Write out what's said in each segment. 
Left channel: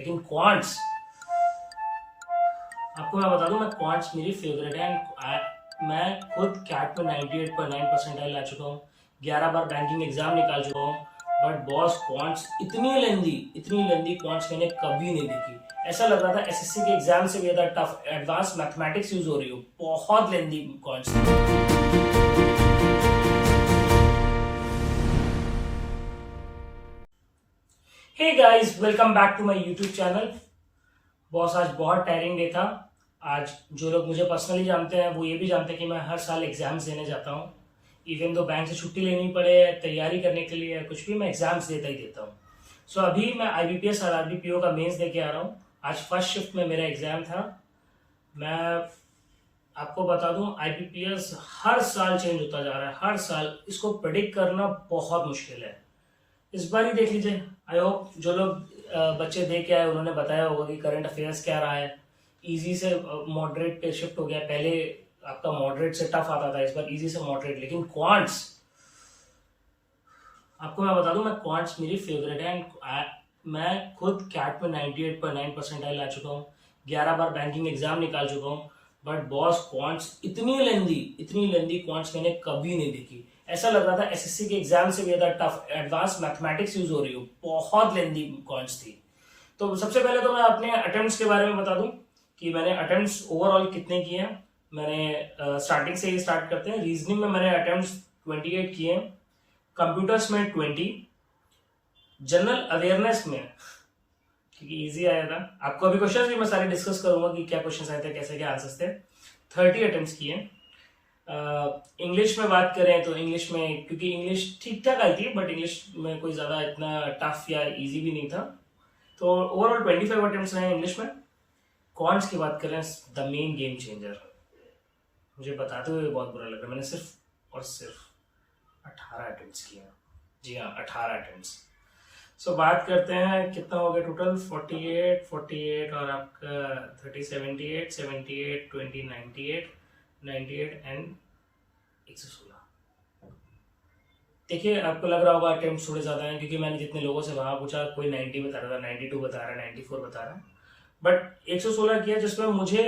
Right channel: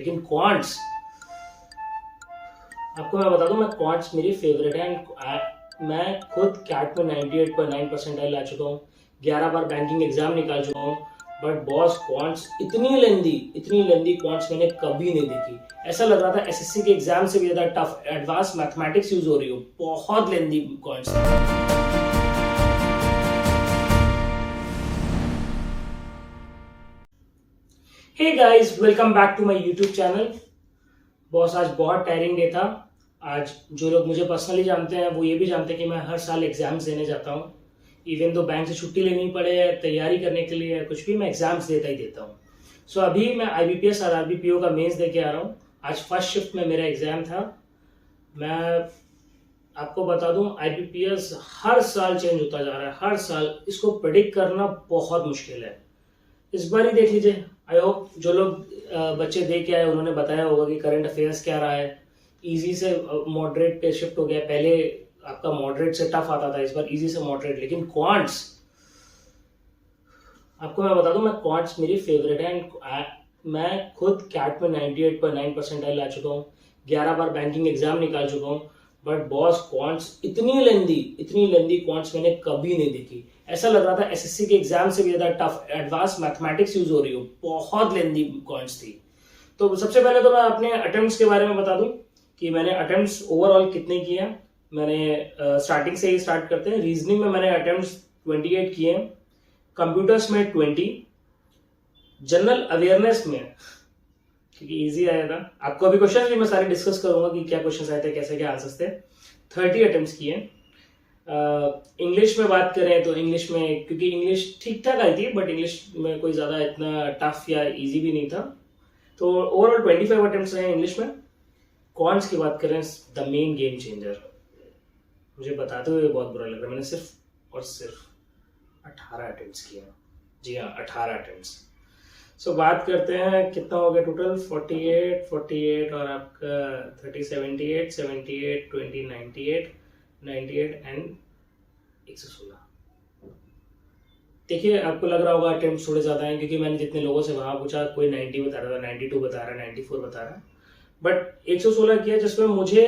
लेकिन क्वांट्स, आपको मैं बता दूं, मैं क्वांट्स मेरी फेवरेट है एंड मैं खुद कैट में 98.9 परसेंटाइल ला चुका हूँ, 11 बार बैंकिंग एग्जाम निकाल चुका हूँ। बट बॉस क्वांट्स इतनी लेंदी क्वांट्स मैंने कभी नहीं देखी। ऐसा लग रहा था एसएससी के एग्जाम से भी ज्यादा टफ एडवांस मैथमेटिक्स यूज हो रही हो, बहुत लेंदी क्वांट्स। Hey guys, welcome back to my YouTube channel. Boss आज बहुत टायरिंग डे था। आज जो लोग मुझे पर्सनली जानते हैं वो ये भी जानते हैं कि मैं हर साल एग्जाम्स देने जाता हूँ। इवन तो बैंक से छुट्टी लेनी पड़े तैयारी करने के लिए कुछ भी, मैं एग्जाम्स देता ही देता हूँ। सो अभी मैं आईबीपीएस और आरबीपीओ का मेंस दे के आ रहा हूँ। आज फर्स्ट शिफ्ट में मेरा एग्जाम था। मैं आपको बता दूं, आईबीपीएस हर साल चेंज होता जा रहा है, हर साल। इसको प्रेडिक्ट करना बहुत मुश्किल है। इस बार ही देख लीजिए। आई होप जो लोग बच्चे दे के आए उन्होंने बताया होगा कि करंट अफेयर्स क्या रहा है। इजी से मॉडरेट पे शिफ्ट हो गया। पहले आपका मॉडरेट से टफ आता था, इस बार इजी से मॉडरेट। लेकिन क्वांट्स, आपको मैं बता दूं, मैं क्वांट्स मेरी फेवरेट है एंड मैं खुद कैट में 98.9 परसेंटाइल ला चुका हूँ, 11 बार बैंकिंग एग्जाम निकाल चुका हूँ। बट बॉस क्वांट्स इतनी लेंदी क्वांट्स मैंने कभी नहीं देखी। ऐसा लग रहा था एसएससी के एग्जाम से भी ज्यादा टफ एडवांस मैथमेटिक्स यूज हो रही हो, बहुत लेंदी क्वांट्स थी। तो सबसे पहले तो मैं अपने अटेम्प्ट्स के बारे में बता दूं कि मैंने अटेम्प्ट्स ओवरऑल कितने किए हैं। मैंने स्टार्टिंग से ही स्टार्ट करते हैं। रीजनिंग में मैंने अटेम्प्ट्स 28 किए हैं, कंप्यूटर्स में 20, जनरल अवेयरनेस में, क्योंकि इजी आया था। आपको अभी क्वेश्चंस भी मैं सारे डिस्कस करूंगा कि क्या क्वेश्चंस आए थे, कैसे क्या आंसर्स थे। 30 अटेम्प्ट्स किए। इंग्लिश में बात करें तो इंग्लिश में, क्योंकि इंग्लिश ठीक ठाक आई थी बट इंग्लिश में कोई ज़्यादा इतना टफ या इजी भी नहीं था, तो ओवरऑल 25 अटेम्प्ट्स रहे इंग्लिश में। कॉन्स की बात करें, द मेन गेम चेंजर, मुझे बताते हुए बहुत बुरा लग रहा है, मैंने सिर्फ और सिर्फ 18 अटेम्प्ट्स किए। जी हाँ, 18 अटेम्प्ट्स। सो बात करते हैं कितना हो गया टोटल। 48 और आपका 30, 78, 20, 98 एंड 116। देखिए, आपको लग रहा होगा अटेम्प्ट थोड़े ज़्यादा हैं, क्योंकि मैंने जितने लोगों से वहाँ पूछा कोई 90 बता रहा था, 92 बता रहा, 94 बता रहा। बट 116 किया, जिसमें मुझे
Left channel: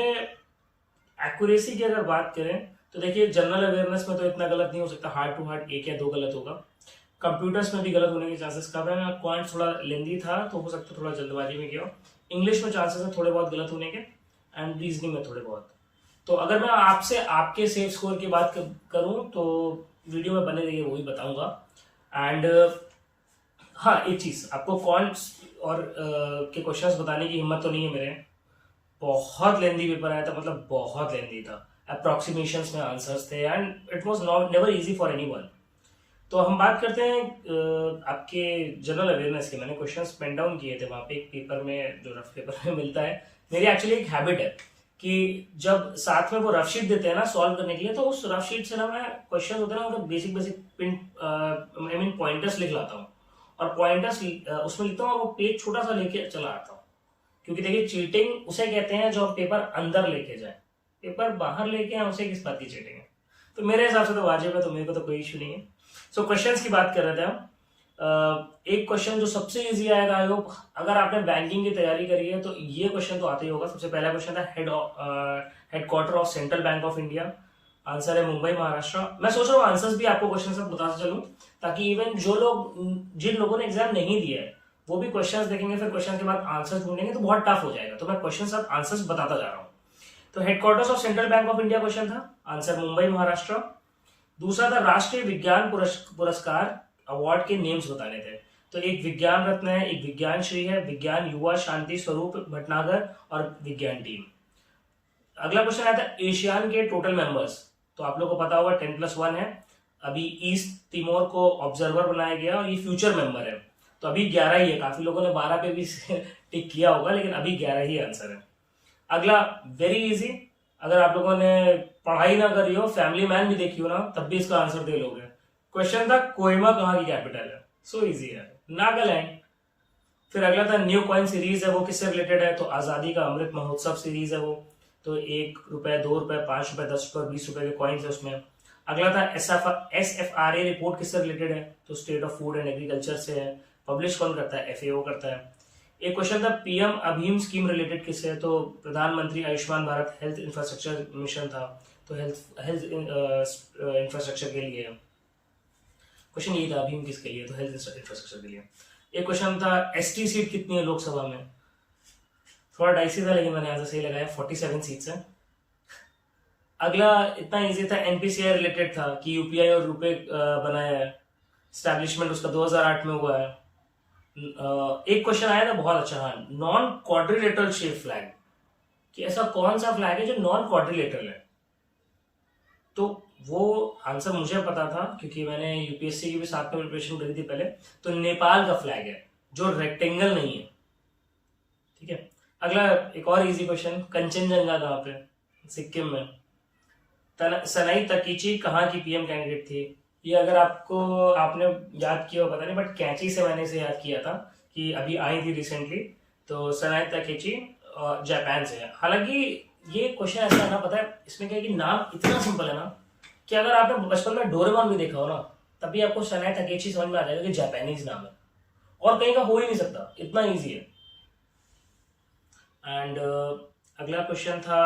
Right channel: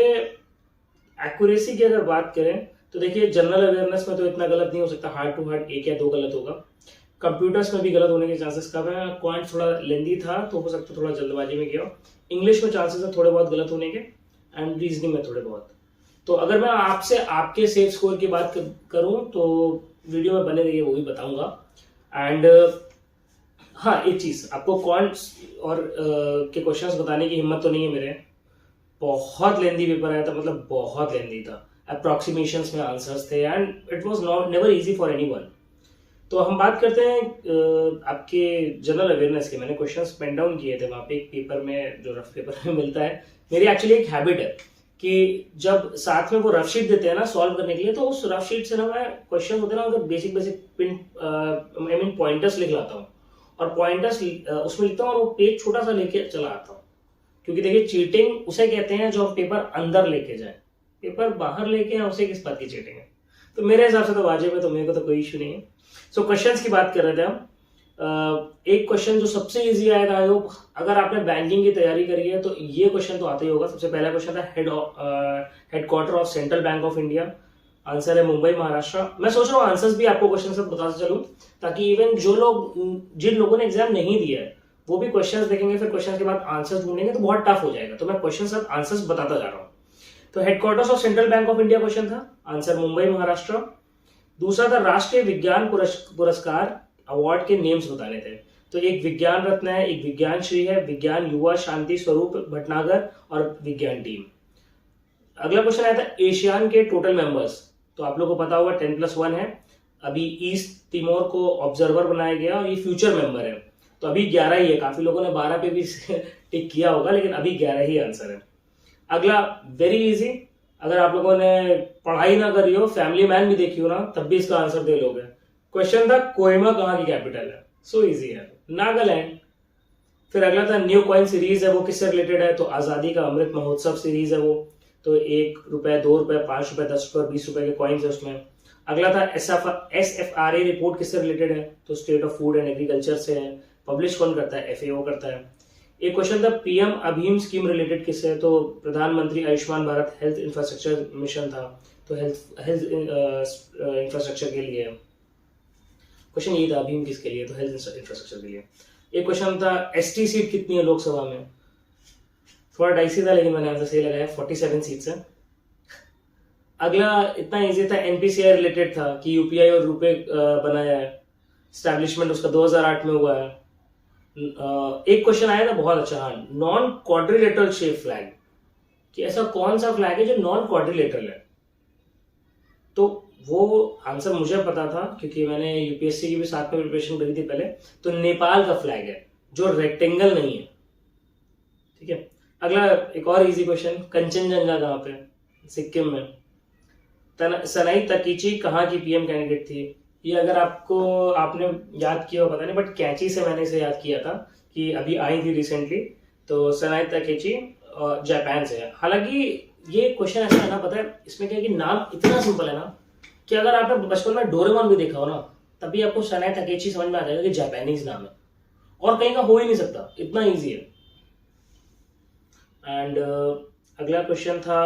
एक्यूरेसी की अगर बात करें तो देखिए, जनरल अवेयरनेस में तो इतना गलत नहीं हो सकता, हार्ड टू हार्ड 1 या 2 गलत होगा। कंप्यूटर्स में भी गलत होने के चांसेस कम है। क्वांट थोड़ा लेंदी था तो हो सकता है थोड़ा जल्दबाजी में गया। इंग्लिश में चांसेस है थोड़े बहुत गलत होने के, एंड रीजनिंग में थोड़े बहुत। तो अगर मैं आपसे आपके सेफ स्कोर की बात करूं तो वीडियो में बने रहिए, वो भी बताऊंगा। एंड हाँ, एक चीज, आपको क्वांट्स और के क्वेश्चंस बताने की हिम्मत तो नहीं है मेरे। बहुत लेंदी पेपर आया था, मतलब बहुत लेंदी था। अप्रोक्सीमेशंस में आंसर्स थे and it was not never easy for anyone. तो हम बात करते हैं आपके जनरल अवेयरनेस के। मैंने क्वेश्चंस पेन डाउन किए थे वहाँ पे एक पेपर में, जो रफ पेपर में मिलता है। मेरी एक्चुअली एक हैबिट है कि जब साथ में वो रफ शीट देते हैं ना सॉल्व करने के लिए, तो उस रफ शीट से ना मैं क्वेश्चन होते हैं ना, उनका basic pin I mean pointers लिख लाता हूँ, और पॉइंटर्स उसमें लिखता हूँ और वो पेज छोटा सा लेके चला आता हूँ। क्योंकि देखिए, चीटिंग उसे कहते हैं जो हम पेपर अंदर लेके जाए, पेपर बाहर लेके आए उसे किस बात की चीटिंग है। तो मेरे हिसाब से तो वाजिब है, तो मेरे को तो कोई इशू नहीं है। सो क्वेश्चंस की बात कर रहे थे हम। एक क्वेश्चन जो सबसे इजी आएगा, आई होप अगर आपने बैंकिंग की तैयारी करी है तो ये क्वेश्चन तो आता ही होगा। सबसे पहला क्वेश्चन था headquarter of central bank of India. Answer है मुंबई, महाराष्ट्र। मैं सोच रहा हूँ आंसर्स भी आपको क्वेश्चन सब बताते चलूं, ताकि इवन जिन लोगों ने एग्जाम नहीं दिया है वो भी क्वेश्चंस देखेंगे, फिर क्वेश्चन के बाद आंसर्स ढूंढेंगे तो बहुत टफ हो जाएगा। तो मैं क्वेश्चन सब आंसर्स बताता जा रहा हूँ। तो headquarters of central bank of India question था, आंसर मुंबई, महाराष्ट्र। दूसरा था राष्ट्रीय विज्ञान पुरस्कार अवार्ड के नेम्स बताने थे। तो एक विज्ञान रत्न है, एक विज्ञान श्री है, विज्ञान युवा शांति स्वरूप भटनागर और विज्ञान टीम। अगला क्वेश्चन आया था एशियान के टोटल मेंबर्स। तो आप लोगों को पता होगा 10+1 है। अभी ईस्ट तिमोर को ऑब्जर्वर बनाया गया और ये फ्यूचर मेंबर है। तो अभी 11 ही है। काफी लोगों ने 12 पे भी टिक किया होगा, लेकिन अभी 11 ही आंसर है। अगला वेरी इजी, अगर आप लोगों ने पढ़ाई ना करी हो, फैमिली मैन भी देखी हो ना, तब भी इसका आंसर दे लोगे। क्वेश्चन था कोहिमा कहाँ की कैपिटल है। सो इजी है, नागालैंड। फिर अगला था न्यू कॉइन सीरीज है, वो किससे रिलेटेड है, तो आजादी का अमृत महोत्सव सीरीज है वो। तो 1 रुपए, 2 रुपए, 5 रुपए, 10 रुपए, 20 रुपए के कॉइन्स है उसमें। अगला था SFRA रिपोर्ट किससे रिलेटेड है, तो state of food and agriculture से है। पब्लिश कौन करता है, FAO करता है। एक क्वेश्चन था पीएम अभीम स्कीम रिलेटेड किससे है, तो प्रधानमंत्री Ayushman Bharat health infrastructure mission था, तो हेल्थ इंफ्रास्ट्रक्चर के लिए क्वेश्चन यही था, अभीम किसके लिए, तो हेल्थ इंफ्रास्ट्रक्चर के लिए। एक क्वेश्चन था एसटी सीट कितनी है लोकसभा में, थोड़ा डाइसी था लेकिन मैंने आंसर सही लगाया, 47 सीट्स है। अगला इतना इजी था, एनपीसीआई रिलेटेड था कि यूपीआई और रुपए बनाया है, स्टैब्लिशमेंट उसका 2008 में हुआ है। एक क्वेश्चन आया था बहुत अच्छा, हाँ, नॉन क्वाड्रिलेटरल शेप फ्लैग, कि ऐसा कौन सा फ्लैग है जो नॉन क्वाड्रिलेटरल है, तो वो आंसर मुझे पता था क्योंकि मैंने यूपीएससी की भी साथ में प्रिपरेशन करी थी पहले, तो नेपाल का फ्लैग है जो रेक्टेंगल नहीं है। ठीक है, अगला एक और इजी क्वेश्चन, कंचनजंगा कहाँ पे, सिक्किम में। सनाई तकीची कहाँ की पीएम कैंडिडेट थी, ये अगर आपने याद किया हो पता नहीं, बट कैंची से मैंने इसे याद किया था कि अभी आई थी रिसेंटली, तो सनाई तकीची जापान से है। हालांकि ये क्वेश्चन ऐसा है ना, पता है इसमें क्या है कि नाम इतना सिंपल है ना कि अगर आपने बचपन में डोरेमोन भी देखा हो ना, तभी आपको सनाई तकेची समझ में आ जाएगा कि जापानीज नाम है और कहीं का हो ही नहीं सकता, इतना ईजी है। एंड अगला क्वेश्चन था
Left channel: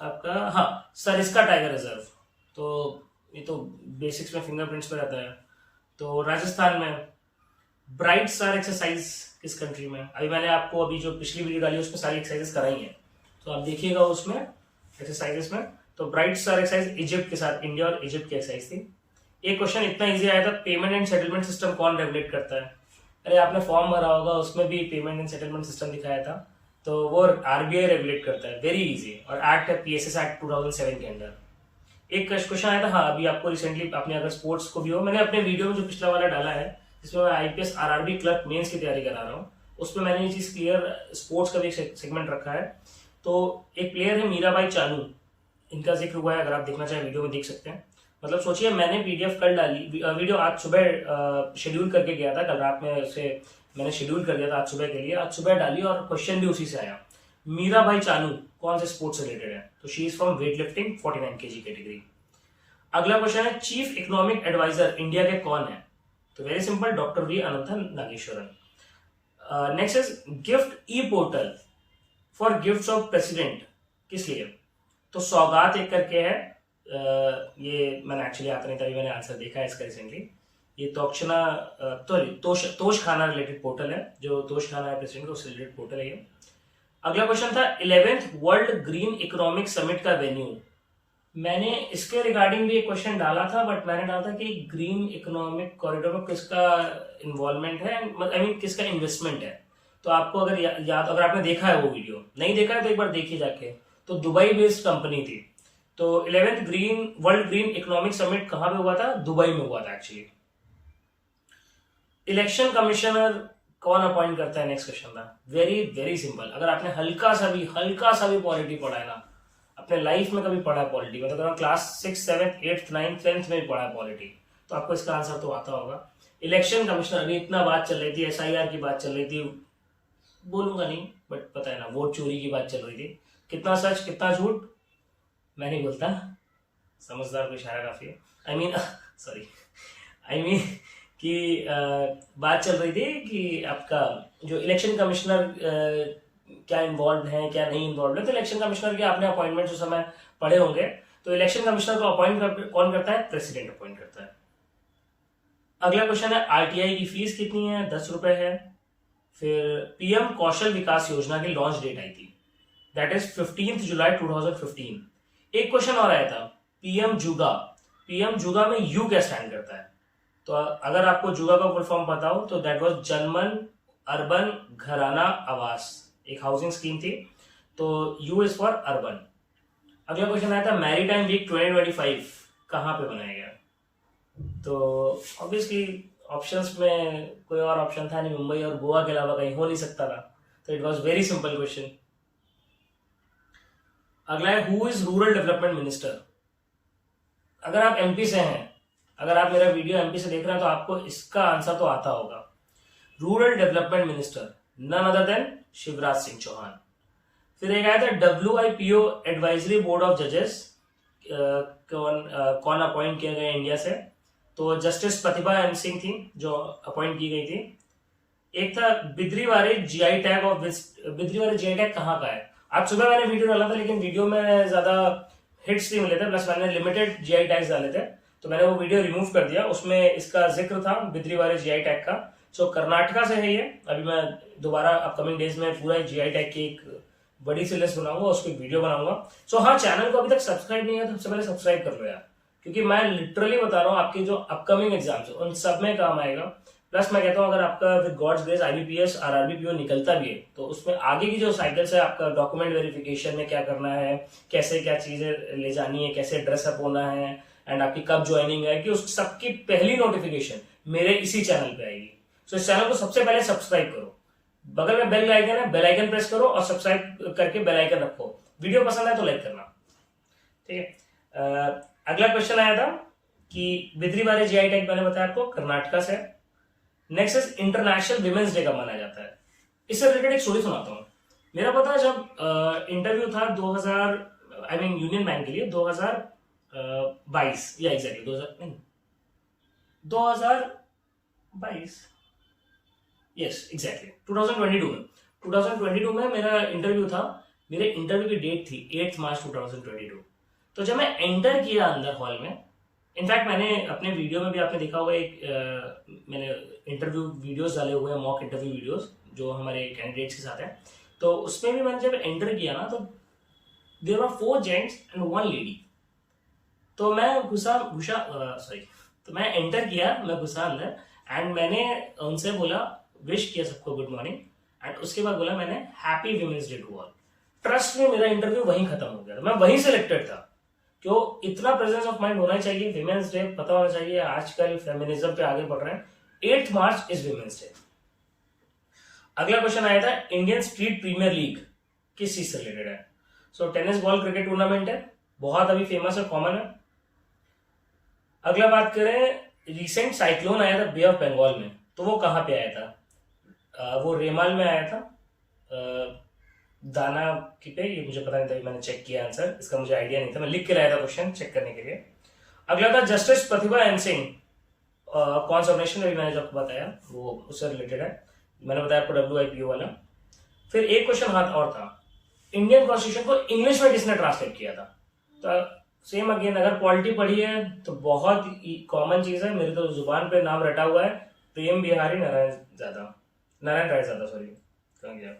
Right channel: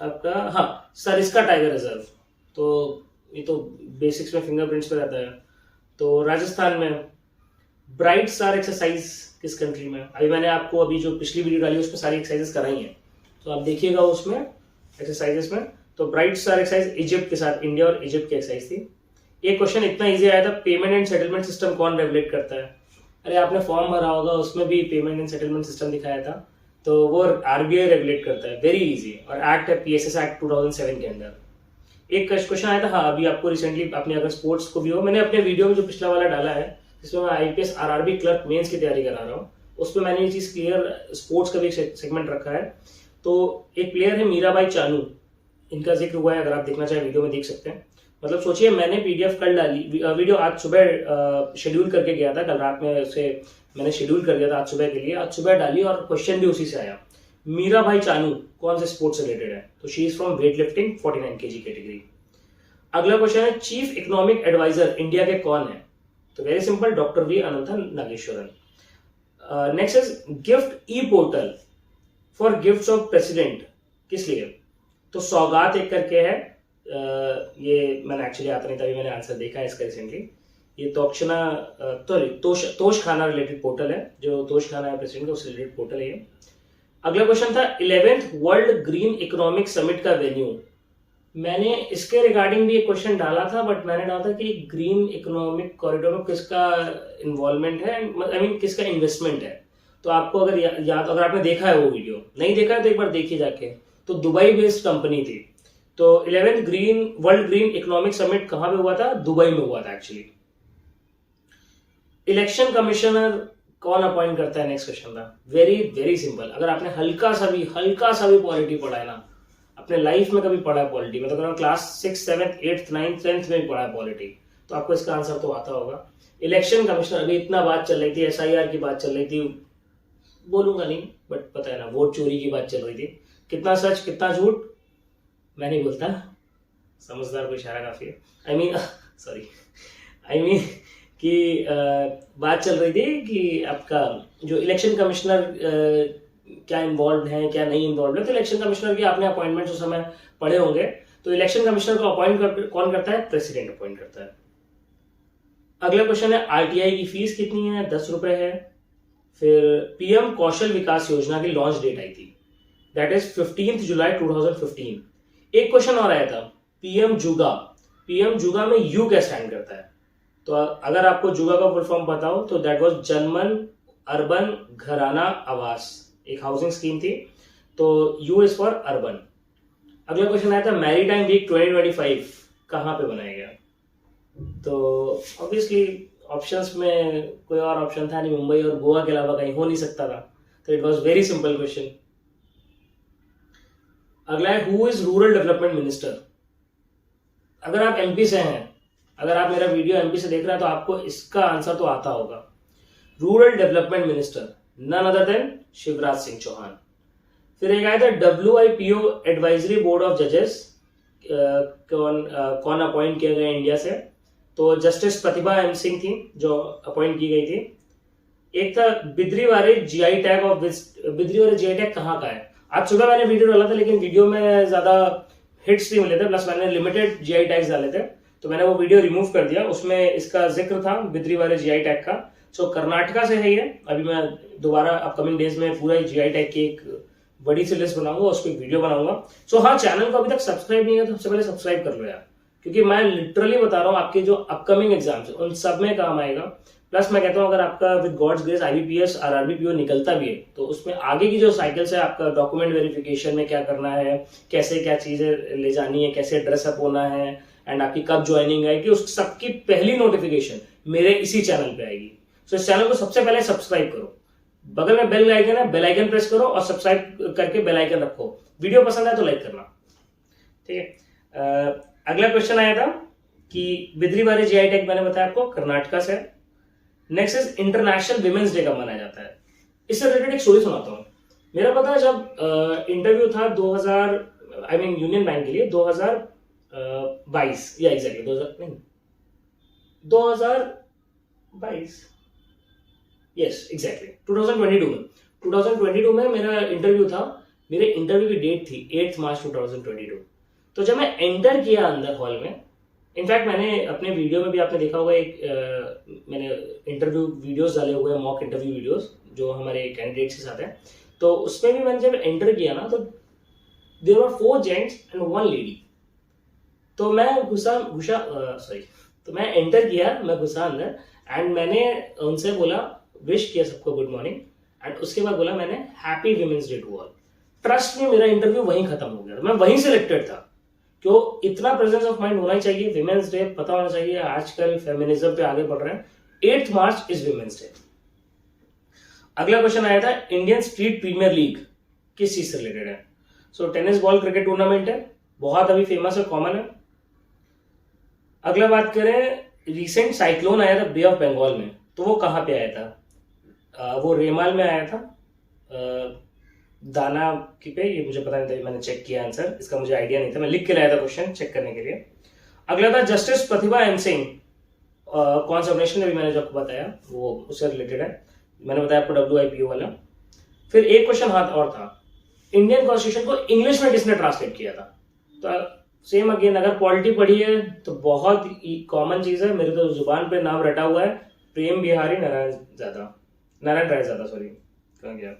आपका, हाँ, सरिस्का टाइगर रिजर्व, तो ये तो बेसिक्स में फिंगरप्रिंट्स पे रहता है, तो राजस्थान में। ब्राइट स्टार एक्सरसाइज किस कंट्री में, अभी मैंने आपको अभी जो पिछली वीडियो डाली उसमें सारी एक्सरसाइजेस कराई हैं, तो आप देखिएगा उसमें एक्सरसाइजेस में, तो ब्राइट स्टार एक्सरसाइज इजिप्ट के साथ, इंडिया और इजिप्ट की एक्सरसाइज थी। एक क्वेश्चन इतना इजी आया था, पेमेंट एंड सेटलमेंट सिस्टम कौन रेगुलेट करता है, अरे आपने फॉर्म भरा होगा उसमें भी पेमेंट एंड सेटलमेंट सिस्टम दिखाया था, तो वो आरबीआई रेगुलेट करता है, वेरी इजी, और एक्ट है पीएसएस एक्ट 2007 के अंडर। एक क्वेश्चन आया था, हाँ, अभी आपको रिसेंटली, आपने अगर स्पोर्ट्स को भी हो, मैंने अपने वीडियो में जो पिछला वाला डाला है जिसमें मैं आईपीएस आरआरबी क्लर्क मेंस की तैयारी करा रहा हूँ, उसमें मैंने ये चीज क्लियर, स्पोर्ट्स का भी एक सेगमेंट रखा है। तो एक प्लेयर है मीराबाई चानू, इनका जिक्र हुआ है, अगर आप देखना चाहें वीडियो में देख सकते हैं। मतलब सोचिए, मैंने पीडीएफ कल डाली, वीडियो आज सुबह शेड्यूल करके गया था, कल रात में उसे मैंने शेड्यूल कर दिया था आज सुबह के लिए, आज सुबह डाली और क्वेश्चन भी उसी से आया। मीराबाई चानू कौन से स्पोर्ट्स से रिलेटेड है, तो she is from weight lifting 49 kg category. अगला क्वेश्चन है, चीफ इकोनॉमिक एडवाइजर इंडिया के कौन है, तो very simple, doctor V Ananta Nageswaran. Next is gift E portal for gifts of president, किस लिए, तो सौगात एक करके है, ये मैंने एक्चुअली आता नहीं था, मैंने आंसर देखा है इसका रिसेंटली, ये तोश खाना रिलेटेड पोर्टल है, जो तोश खाना है प्रेसिडेंट का, उससे रिलेटेड पोर्टल है ये। अगला क्वेश्चन था 11th world green economic summit का वेन्यू, मैंने इसके रिगार्डिंग भी एक क्वेश्चन डाला था, बट मैंने डाला था कि ग्रीन इकोनॉमिक कॉरिडोर में किसका इन्वॉल्वमेंट है, आई मीन किसका इन्वेस्टमेंट है। तो आपको अगर याद, अगर आपने देखा है वो वीडियो, नहीं देखा है तो एक बार देखिए जाके, तो दुबई बेस्ड कंपनी थी। तो 11th world green economic summit कहां पे हुआ था, दुबई में हुआ था एक्चुअली। इलेक्शन कमिश्नर कौन अपॉइंट करता है, नेक्स्ट क्वेश्चन था, वेरी वेरी सिंपल, अगर आपने हल्का सा भी पॉलिटी पढ़ा है ना अपने लाइफ में, कभी पढ़ा है पॉलिटी में, तो अगर क्लास 6, 7, 8, 9, 10th में भी पढ़ा है पॉलिटी, तो आपको इसका आंसर तो आता होगा। इलेक्शन कमिश्नर, अभी इतना बात चल रही थी, एसआईआर की बात चल रही थी, बोलूंगा नहीं बट पता है ना, वोट चोरी की बात चल रही थी, कितना सच कितना झूठ मैं नहीं बोलता, समझदार को इशारा काफी है, आई मीन कि बात चल रही थी कि आपका जो इलेक्शन कमिश्नर क्या इन्वॉल्व है क्या नहीं इन्वॉल्व है, तो इलेक्शन कमिश्नर के आपने अपॉइंटमेंट उस समय पढ़े होंगे, तो इलेक्शन कमिश्नर को अपॉइंट कौन करता है, प्रेसिडेंट अपॉइंट करता है। अगला क्वेश्चन है, आरटीआई की फीस कितनी है, 10 रुपए है। फिर पीएम कौशल विकास योजना की लॉन्च डेट आई थी, दैट इज 15 जुलाई 2015। एक क्वेश्चन और आया था, पीएम जुगा में यू क्या स्टैंड करता है, तो अगर आपको जुगा का फुल फॉर्म पता हो तो दैट वाज जनमन अर्बन घराना आवास, एक हाउसिंग स्कीम थी, तो यू इज फॉर अर्बन। अगला क्वेश्चन आया था, मैरीटाइम वीक 2025 कहां पे बनाया गया, तो ऑब्वियसली ऑप्शंस में कोई और ऑप्शन था नहीं, मुंबई और गोवा के अलावा कहीं हो नहीं सकता था, तो it was very simple question. अगला है, who is rural development minister, अगर आप एमपी से हैं, अगर आप मेरा वीडियो एमपी से देख रहे हैं तो आपको इसका आंसर तो आता होगा, rural development minister none other than Shivraj Singh Chouhan. फिर एक आया था, WIPO एडवाइजरी बोर्ड ऑफ जजेस कौन अपॉइंट किया गया इंडिया से, तो जस्टिस प्रतिभा एम सिंह थी जो अपॉइंट की गई थी। एक था Bidriware GI tag of Bidriware GI tag कहाँ का है। आज सुबह मैंने वीडियो डाला था लेकिन वीडियो में ज्यादा हिट्स नहीं मिले थे, प्लस मैंने लिमिटेड जीआई टैग्स डाले थे, तो मैंने वो वीडियो रिमूव कर दिया। उसमें इसका जिक्र था बिद्रीवारे जीआई टैग का। सो कर्नाटका से है ये। अभी मैं दोबारा अपकमिंग डेज में पूरा जीआई टैग की एक बड़ी सी लिस्ट बनाऊंगा, उसको एक वीडियो बनाऊंगा। सो हाँ, चैनल को अभी तक सब्सक्राइब नहीं है तो सबसे पहले सब्सक्राइब कर लो यार, क्योंकि मैं लिटरली बता रहा हूँ आपके जो अपकमिंग एग्जाम्स है उन सब में काम आएगा। प्लस मैं कहता हूँ अगर आपका विद गॉड्स ग्रेस आईबीपीएस और आरआरबीपीओ निकलता भी है तो उसमें आगे की जो साइकिल्स है, आपका डॉक्यूमेंट वेरिफिकेशन में क्या करना है, कैसे क्या चीजें ले जानी है, कैसे ड्रेसअप होना है, एंड आपकी कब ज्वाइनिंग है, कि उस सबकी पहली नोटिफिकेशन मेरे इसी चैनल पे आएगी। तो इस चैनल को सबसे पहले सब्सक्राइब करो, बगल में बेल आइकन है, बेल आइकन प्रेस करो और सब्सक्राइब करके बेल आइकन रखो। वीडियो पसंद है तो लाइक करना, ठीक है। अगला क्वेश्चन आया था कि बिद्रीवारे जीआई टैग मैंने बताया आपको कर्नाटका से। Next is international women's day कब मनाया जाता है। इससे रिलेटेड एक स्टोरी सुनाता हूँ। मेरा पता है जब इंटरव्यू था 2000 यूनियन बैंक के लिए 2022 या एग्जैक्टली 2022 यस एग्जैक्टली 2022 में मेरा इंटरव्यू था। मेरे इंटरव्यू की डेट थी 8 मार्च 2022। तो जब मैं एंटर किया अंदर हॉल में, इनफैक्ट मैंने अपने वीडियो में भी आपने देखा होगा एक मैंने इंटरव्यू वीडियोस डाले हुए हैं, मॉक इंटरव्यू वीडियोस जो हमारे कैंडिडेट्स के साथ है। तो उसमें भी मैंने जब एंटर किया ना तो there were 4 gents and 1 lady. तो मैं तो मैं एंटर किया, मैं घुसा अंदर एंड मैंने उनसे बोला, विश किया सबको गुड मॉर्निंग, एंड उसके बाद बोला मैंने happy women's day to all. Trust में मेरा इंटरव्यू वहीं खत्म हो गया था, मैं वहीं सिलेक्टेड था। क्यों? इतना प्रेजेंस ऑफ माइंड होना ही चाहिए, विमेंस डे पता होना चाहिए। आजकल फेमिनिज्म पे आगे बढ़ रहे हैं। 8 मार्च इज विमेंस डे। अगला क्वेश्चन आया था इंडियन स्ट्रीट प्रीमियर लीग किस चीज से रिलेटेड है। सो टेनिस बॉल क्रिकेट टूर्नामेंट है, बहुत अभी फेमस है, कॉमन है। अगला बात करें, रिसेंट साइक्लोन आया था बे ऑफ बंगाल में, तो वो कहां पे आया था? वो रेमाल में आया था, दाना की पे। ये मुझे पता नहीं था, मैंने चेक किया आंसर, इसका मुझे आइडिया नहीं था, मैं लिख के लाया था क्वेश्चन चेक करने के लिए। अगला था जस्टिस प्रतिभा एन सिंह, कौन सा ऑर्गेनाइजेशन है मैंने जब बताया वो उससे रिलेटेड है, मैंने बताया आपको WIPO वाला। फिर एक क्वेश्चन हाथ और था, इंडियन कॉन्स्टिट्यूशन को इंग्लिश में किसने ट्रांसलेट किया था। तो सेम अगेन, अगर पॉलिटी पढ़ी है तो बहुत कॉमन चीज है, मेरे तो जुबान पे नाम रटा हुआ है, प्रेम बिहारी नारायण राय ज्यादा, सॉरी कहाँ गया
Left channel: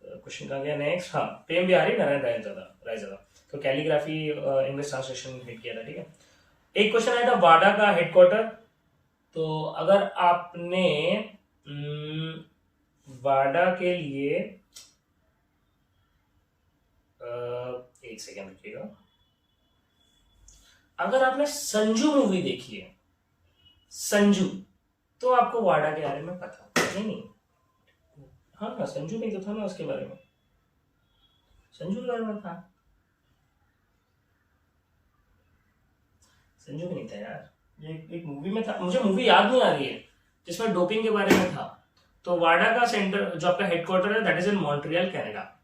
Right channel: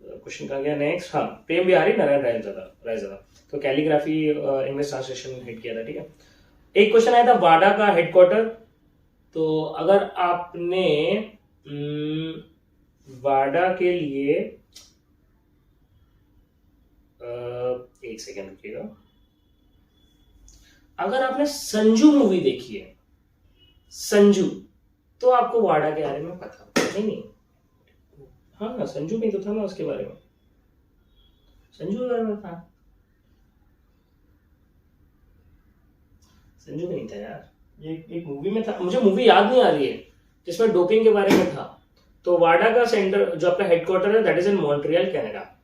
क्वेश्चन, कहाँ गया नेक्स्ट, हाँ प्रेम बिहारी नारायण राय ज्यादा। तो कैलीग्राफी इंग्लिश ट्रांसलेशन हिट किया था, ठीक है। एक क्वेश्चन आया था वाडा का हेडक्वार्टर। तो अगर आपने वाडा के लिए एक सेकेंड रुकिएगा, अगर आपने संजू मूवी देखी है, संजू, तो आपको वाडा के बारे में पता होगा। नहीं, हाँ संजू में तो था ना, उसके बारे में, संजू के बारे में था, संजू में नहीं था यार, ये एक मूवी में था, मुझे मूवी याद नहीं आ रही है, जिसमें डोपिंग के बारे में था। तो वाडा का सेंटर जो आपका हेडक्वार्टर है that is in Montreal, Canada.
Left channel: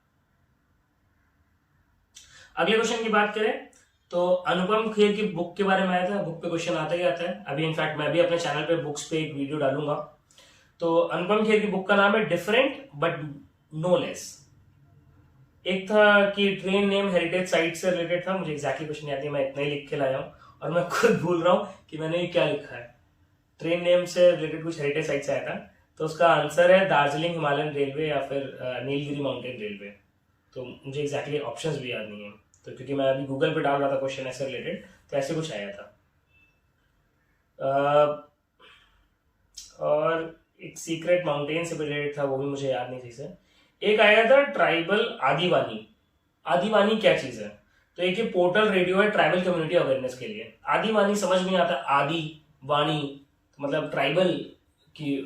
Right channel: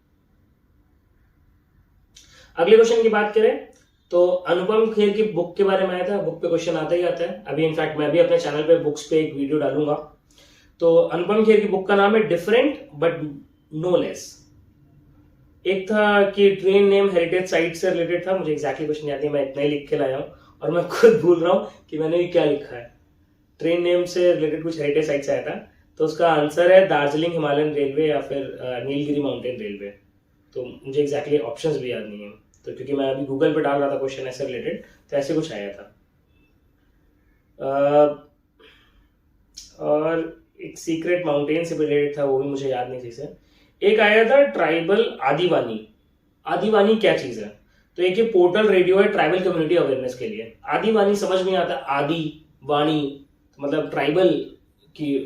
अगले क्वेश्चन की बात करें तो अनुपम खेर की बुक के बारे में आया था, बुक पे क्वेश्चन आता ही आता है। अभी इनफैक्ट मैं भी अपने चैनल पे बुक्स पे एक वीडियो डालूंगा। तो अनुपम खेर की बुक का नाम है डिफरेंट बट नो लेस। एक था कि ट्रेन नेम हेरिटेज साइट से रिलेटेड था, मुझे एग्जैक्टली क्वेश्चन याद नहीं, मैं इतना ही लिख के लाया हूँ और मैं खुद भूल रहा हूँ कि मैंने ये क्या लिखा है। ट्रेन नेम से रिलेटेड कुछ हेरिटेज साइट से आया था, तो उसका आंसर है दार्जिलिंग हिमालयन रेलवे या फिर नीलगिरी माउंटेन रेलवे। तो मुझे एग्जैक्टली ऑप्शंस भी याद नहीं है, तो क्योंकि मैं अभी गूगल पे डाल रहा था क्वेश्चन ऐसे रिलेटेड, तो ऐसे कुछ आया था। और एक सीक्रेट माउंटेन से रिलेटेड था, वो भी मुझे याद नहीं सही से। एक आया था ट्राइबल आदिवानी। आदिवानी क्या चीज है? तो एक ये पोर्टल रेडियो है ट्राइबल कम्युनिटी अवेयरनेस के लिए। आदिवानी समझ में आता है, आदि वाणी मतलब ट्राइबल की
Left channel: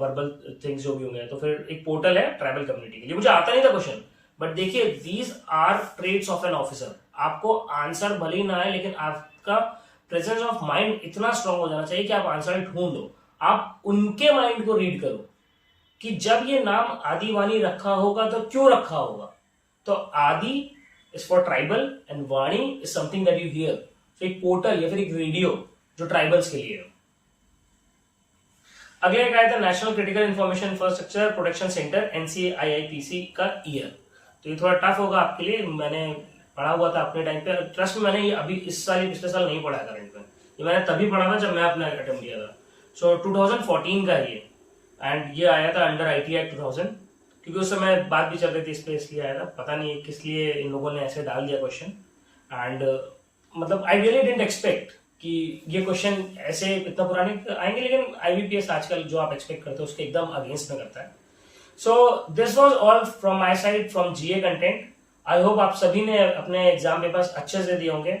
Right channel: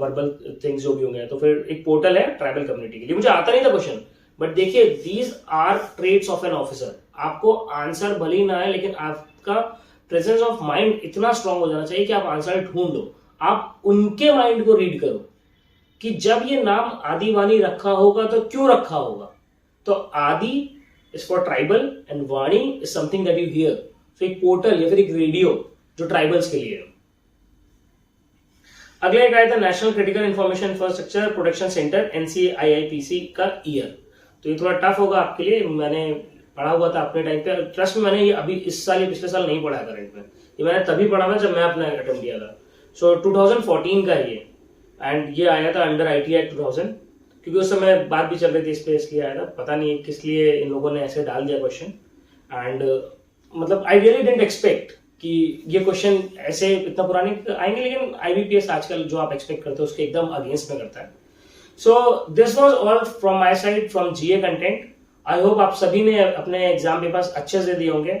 वर्बल थिंग्स जो भी होंगे, तो फिर एक पोर्टल है ट्राइबल कम्युनिटी के लिए। मुझे आता नहीं था क्वेश्चन, बट देखिए these are traits of an officer. आपको आंसर भले ही ना आए, लेकिन आपका प्रेजेंस ऑफ माइंड इतना स्ट्रांग हो जाना चाहिए कि आप आंसर ढूंढो। आप उनके माइंड को रीड करो कि जब ये नाम आदिवानी रखा होगा तो क्यों रखा होगा। तो Adi is for tribal and Vaani is something that you hear. तो एक पोर्टल या फिर एक रेडियो जो ट्राइबल्स के लिए है। अगले एक आया था national critical information infrastructure protection centre NCIIPC का ईयर। तो ये थोड़ा टफ होगा आपके लिए, मैंने पढ़ा हुआ था अपने टाइम पे, ट्रस्ट में मैंने ये अभी इस साल या पिछले साल नहीं पढ़ा करंट में, ये मैंने तभी पढ़ा था जब मैं अपना अटेम्प्ट दिया था। सो 2014 का ये, एंड ये आया था अंडर IT एक्ट 2000, क्योंकि उस समय बात भी चल रही थी इस पे, इसलिए आया था। पता नहीं किस लिए इन लोगों ने ऐसे डाल दिया क्वेश्चन, एंड मतलब आई रियली डिडंट एक्सपेक्ट कि ये क्वेश्चन ऐसे इतना पुराने आएंगे, लेकिन IBPS आजकल जो आप एक्सपेक्ट करते हो उसके एकदम अगेंस्ट में करता है। So this was all from my side from GA content. I hope आप सभी ने अपने एग्जाम पेपर्स अच्छे से दिए होंगे।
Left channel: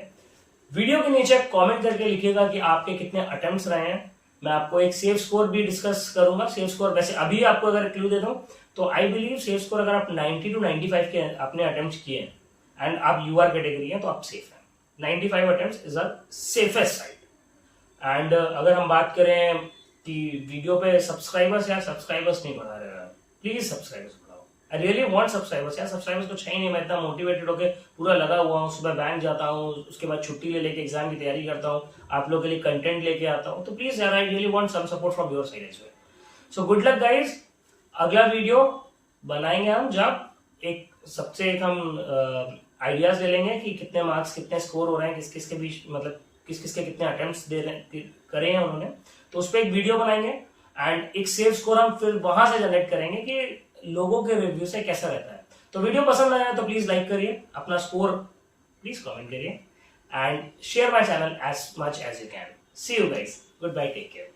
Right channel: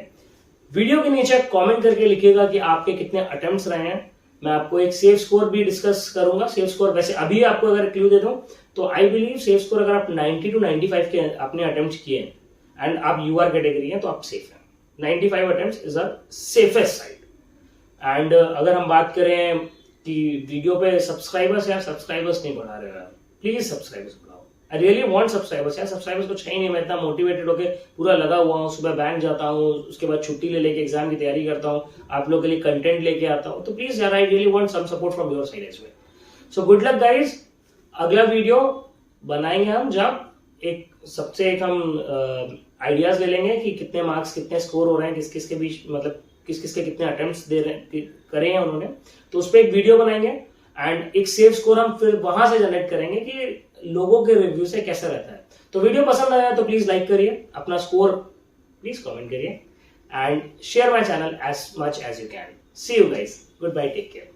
वीडियो के नीचे कमेंट करके लिखिएगा कि आपके कितने अटेम्प्ट्स रहे हैं। मैं आपको एक सेफ स्कोर भी डिस्कस करूंगा। सेफ स्कोर वैसे अभी आपको अगर क्लू दे दूं तो आई बिलीव सेफ स्कोर अगर आप 90 to 95 के अपने अटेम्प्ट किए एंड आप UR कैटेगरी हैं तो आप सेफ हैं। 95 attempts is a safest side. And अगर हम बात करें कि वीडियो पे सब्सक्राइबर्स नहीं बढ़ा रहे हैं, प्लीज सब्सक्राइबर्स बढ़ाओ। आई रियली वांट सब्सक्राइबर्स यार, सब्सक्राइबर्स कुछ है ही नहीं। मैं इतना मोटिवेटेड होकर पूरा लगा हुआ हूँ, सुबह बैंक जाता हूँ, उसके बाद छुट्टी ले लेके एग्जाम की तैयारी करता हूँ, आप लोगों के लिए कंटेंट लेके आता हूँ। तो प्लीज यार, I really want some support from your side as well. So good luck guys. अगला वीडियो बनाएंगे हम जब एक हम आइडियाज ले लेंगे कि कितने मार्क्स कितने स्कोर हो रहे हैं, किस किस के बीच, मतलब किस किस के कितने अटेम्प्ट्स दे रहे करे हैं उन्होंने, तो उस पर एक वीडियो बनाएंगे एंड एक सेफ स्कोर हम फिर वहां से जनरेट करेंगे कि लोगों के रिव्यू से कैसा रहता है। तो वीडियो पसंद आया तो प्लीज लाइक करिए, अपना स्कोर प्लीज कमेंट करिए and share my channel as much as you can. See you guys, good bye, take care.